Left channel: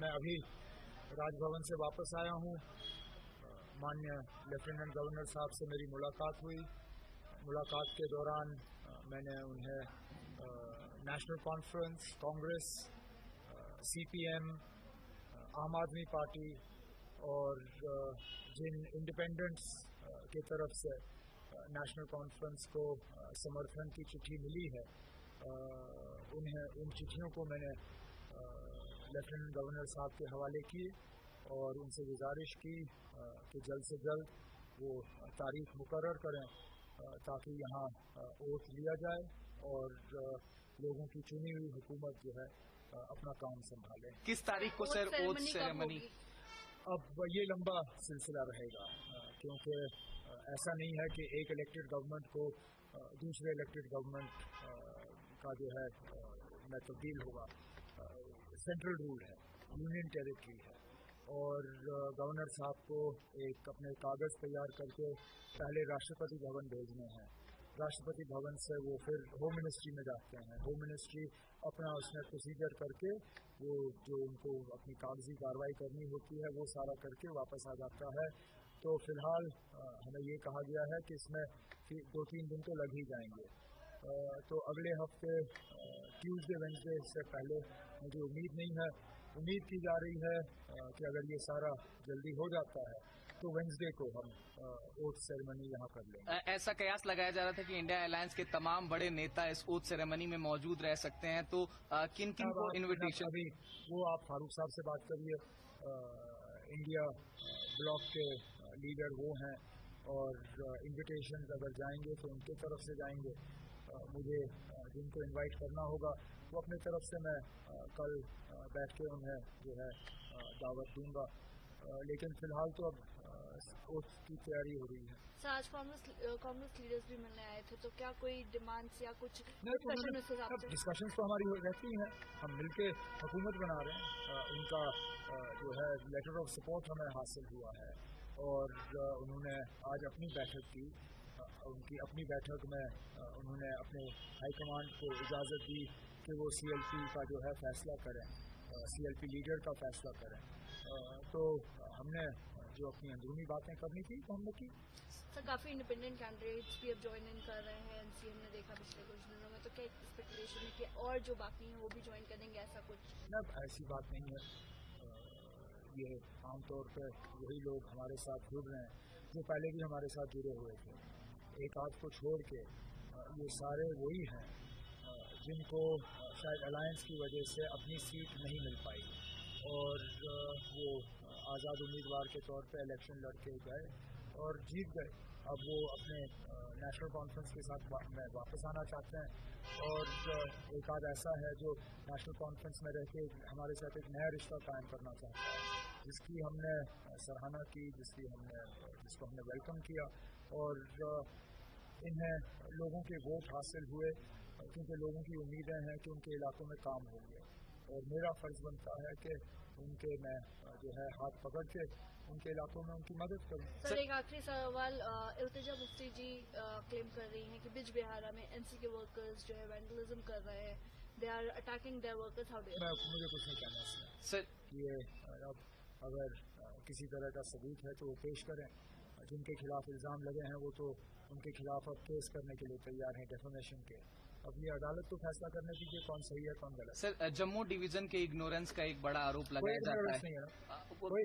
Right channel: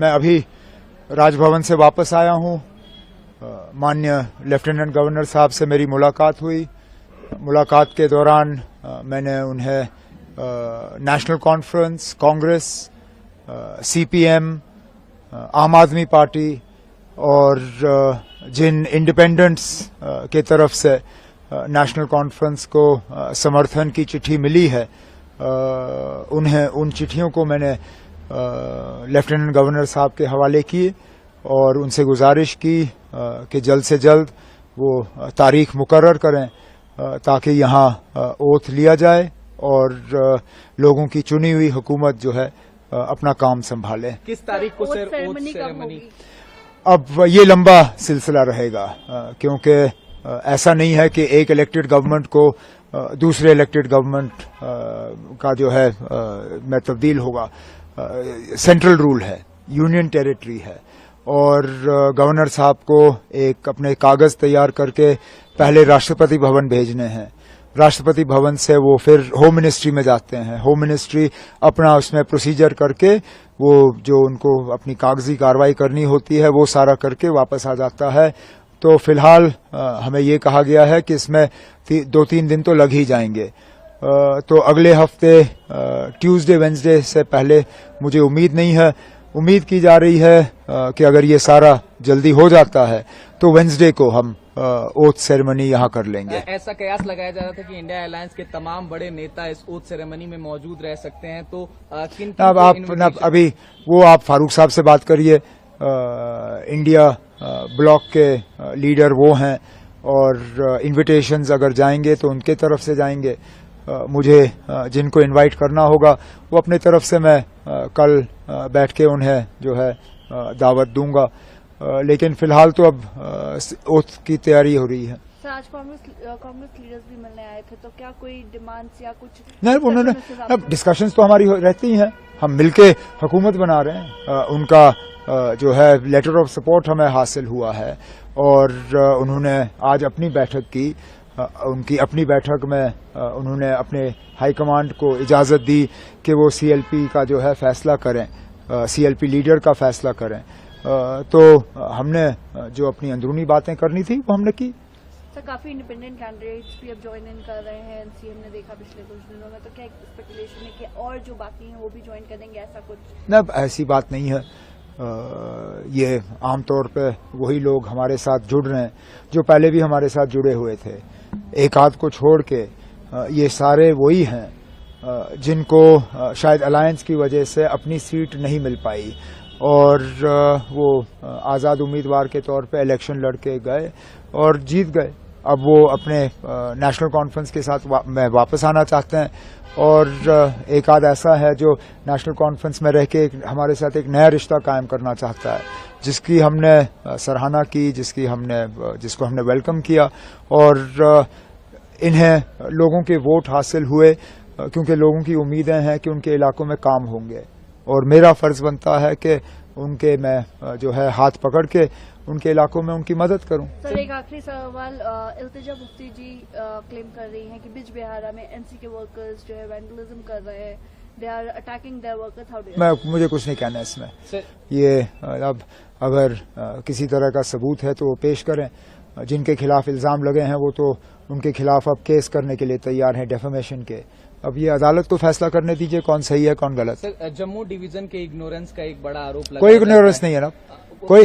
मैं अभी राजभवन से वापस आया हूं। माननीय लेफ्टिनेंट गवर्नर साहब से मेरी मुलाकात हुई। मुलाकात के दौरान मैंने उन्हें नेशनल कॉन्फ्रेंस, कांग्रेस, सीपीएम, आम आदमी पार्टी और जिन इंडिपेंडेंट्स के तरफ से नेशनल कॉन्फ्रेंस को समर्थन की चिट्ठी मिली है, उन्हें उन चिट्ठियों को मैंने लेफ्टिनेंट गवर्नर साहब के हवाले किए और उनसे गुजारिश की कि जल्द से जल्द वो तारीख मुकर्रर करें ताकि यहाँ ओथ लिया जाए और लोगों की चुनी हुई हुकूमत जो है अपना काम संभाले। किस तारीख को सर ओथ सेरेमनी? अब ये लंबा सिलसिला रहेगा क्योंकि ऐसा नहीं है कि एक इलेक्टेड गवर्नमेंट को दूसरे इलेक्टेड गवर्नमेंट का जो है में तब्दील होगा। सेंट्रल रूल है, यूनियन टेरिटरी है और गवर्नर साहब को एक अपने कागज तैयार करके पहले राष्ट्रपति भवन भेजने हैं। राष्ट्रपति भवन से वो फिर होम मिनिस्ट्री में जाते हैं। होम मिनिस्ट्री अपना उसमें प्रोसीजर करके वो जो उनको अपनी कागजी कार्रवाई करनी होती है वो सारा करके वापस आ जाता है। तो फिलहाल हमें ये कहा गया है कि इसमें 2-3 दिन तो लग ही जाएंगे। तो अगले हफ्ते ट्यूसडे वेंसडे से पहले मुझे उम्मीद नहीं है। उम्मीद की जा रही है कि अगर ये सारा जल्दी हो जाता है तो वेंसडे को हम ओथ सेरेमनी यहाँ कर लेंगे। ऐसा कयास लगाया जा रहा था कि इंडिया अलायंस के तमाम बड़े नेता इस ओथ सेरेमनी में मौजूद रह सकते हैं, तो किन अब आप अभी वो आप फारूक साहब से बात करिए। इंडिया ब्लॉक के लीडर वो हैं और इन्विटेशंस अगर जाएंगे तो उनके तरफ से जाएंगे। मुझे जिनको इनवाइट करना होगा वो अपने तरफ से मैं कल बैठ के उन्हें जो है दावत दूंगा। लेकिन फिलहाल तो अब ओथ की तैयारी हो रही है। सर, आज कांग्रेस लीडर्स भी मिलने आए थे, तो क्या कोई डिमांड्स या कुछ नहीं, उन्होंने अब डिस्कशंस तो हमारी रहती हैं, हम मिलके हुकूमत बना रहे हैं। उनका जो है लेटर ऑफ सपोर्ट हमें हासिल हुआ है और उन्होंने आज अपनी बैठक की। उनकी अपनी बैठक में उन्होंने अपने हाईकमांड को इजाज़त दी कि वो सीएलपी का जो है फैसला करें, सीएलपी लीडर का फैसला करें। तो हमने जो अपनी अंदरूनी बातें करनी थी वो हमने की। सर, काफी इंडिपेंडेंट कैंडिडेट्स भी अब ज्वाइन इन कर रहे हैं। सीएम ने देखा पिछले कुछ दिनों में, तो क्या स्पेकुलेशन है कि और जो बाकी हैं वो भी ज्वाइन करेंगे, ऐसा कुछ? न, ऐसी बात नहीं है। ये आमतौर पे वही लोग हमारे साथ जुड़ रहे हैं जो पहले भी हमारे साथ जुड़े हुए थे। एक आध को छोड़ के ये सारे वही हैं जिनको शायद अलायंस की वजह से अपनी सीट नहीं मिल पाई और वो आज़ाद उम्मीदवार के तौर पे इलेक्शन लड़ के गए और जीत गए। अब वो अपने नेशनल कॉन्फ्रेंस के साथ में वापस आना चाहते हैं और एक आध ऐसा है जो नेशनल कॉन्फ्रेंस में रह के हमारे साथ एक नया रिश्ता कायम करना चाहता है, जिसकी हमने सराहना की, जिसको हमने वेलकम किया और इन्हें लोगों के वोट हासिल हुए क्योंकि लोगों की उम्मीदें हैं कि उनके इलाकों में काम होंगे और मेरा फर्ज बनता है कि उनके मैं जो है हाथ पकड़ के उनके इलाकों में उनकी मदद करूं। सर, एक आखिरी सवाल। इल्तिजा मुफ्ती जी क्लेम कर रही हैं कि बिज बिहारा में एनसी के वर्कर्स जो है वैंडलिज्म कर रहे हैं, they are attacking their workers. How do you? मुझे कुछ नहीं कहना इसमें। ये अब अगर किसी तरह का सबूत है तो वो पेश करें। जिनके खिलाफ इल्जाम लगे हैं वो तो उनके खिलाफ अब केस करने के लिए तैयार हैं, डेफेमेशन के। अब ये अदालत को फैसला करने दीजिए कौन सही है कौन गलत। सर, जम्मू डिवीजन के इग्नोरेंस का एक बड़ा आरोप लगा। कोई इग्नोरेंस नहीं है ना, कोई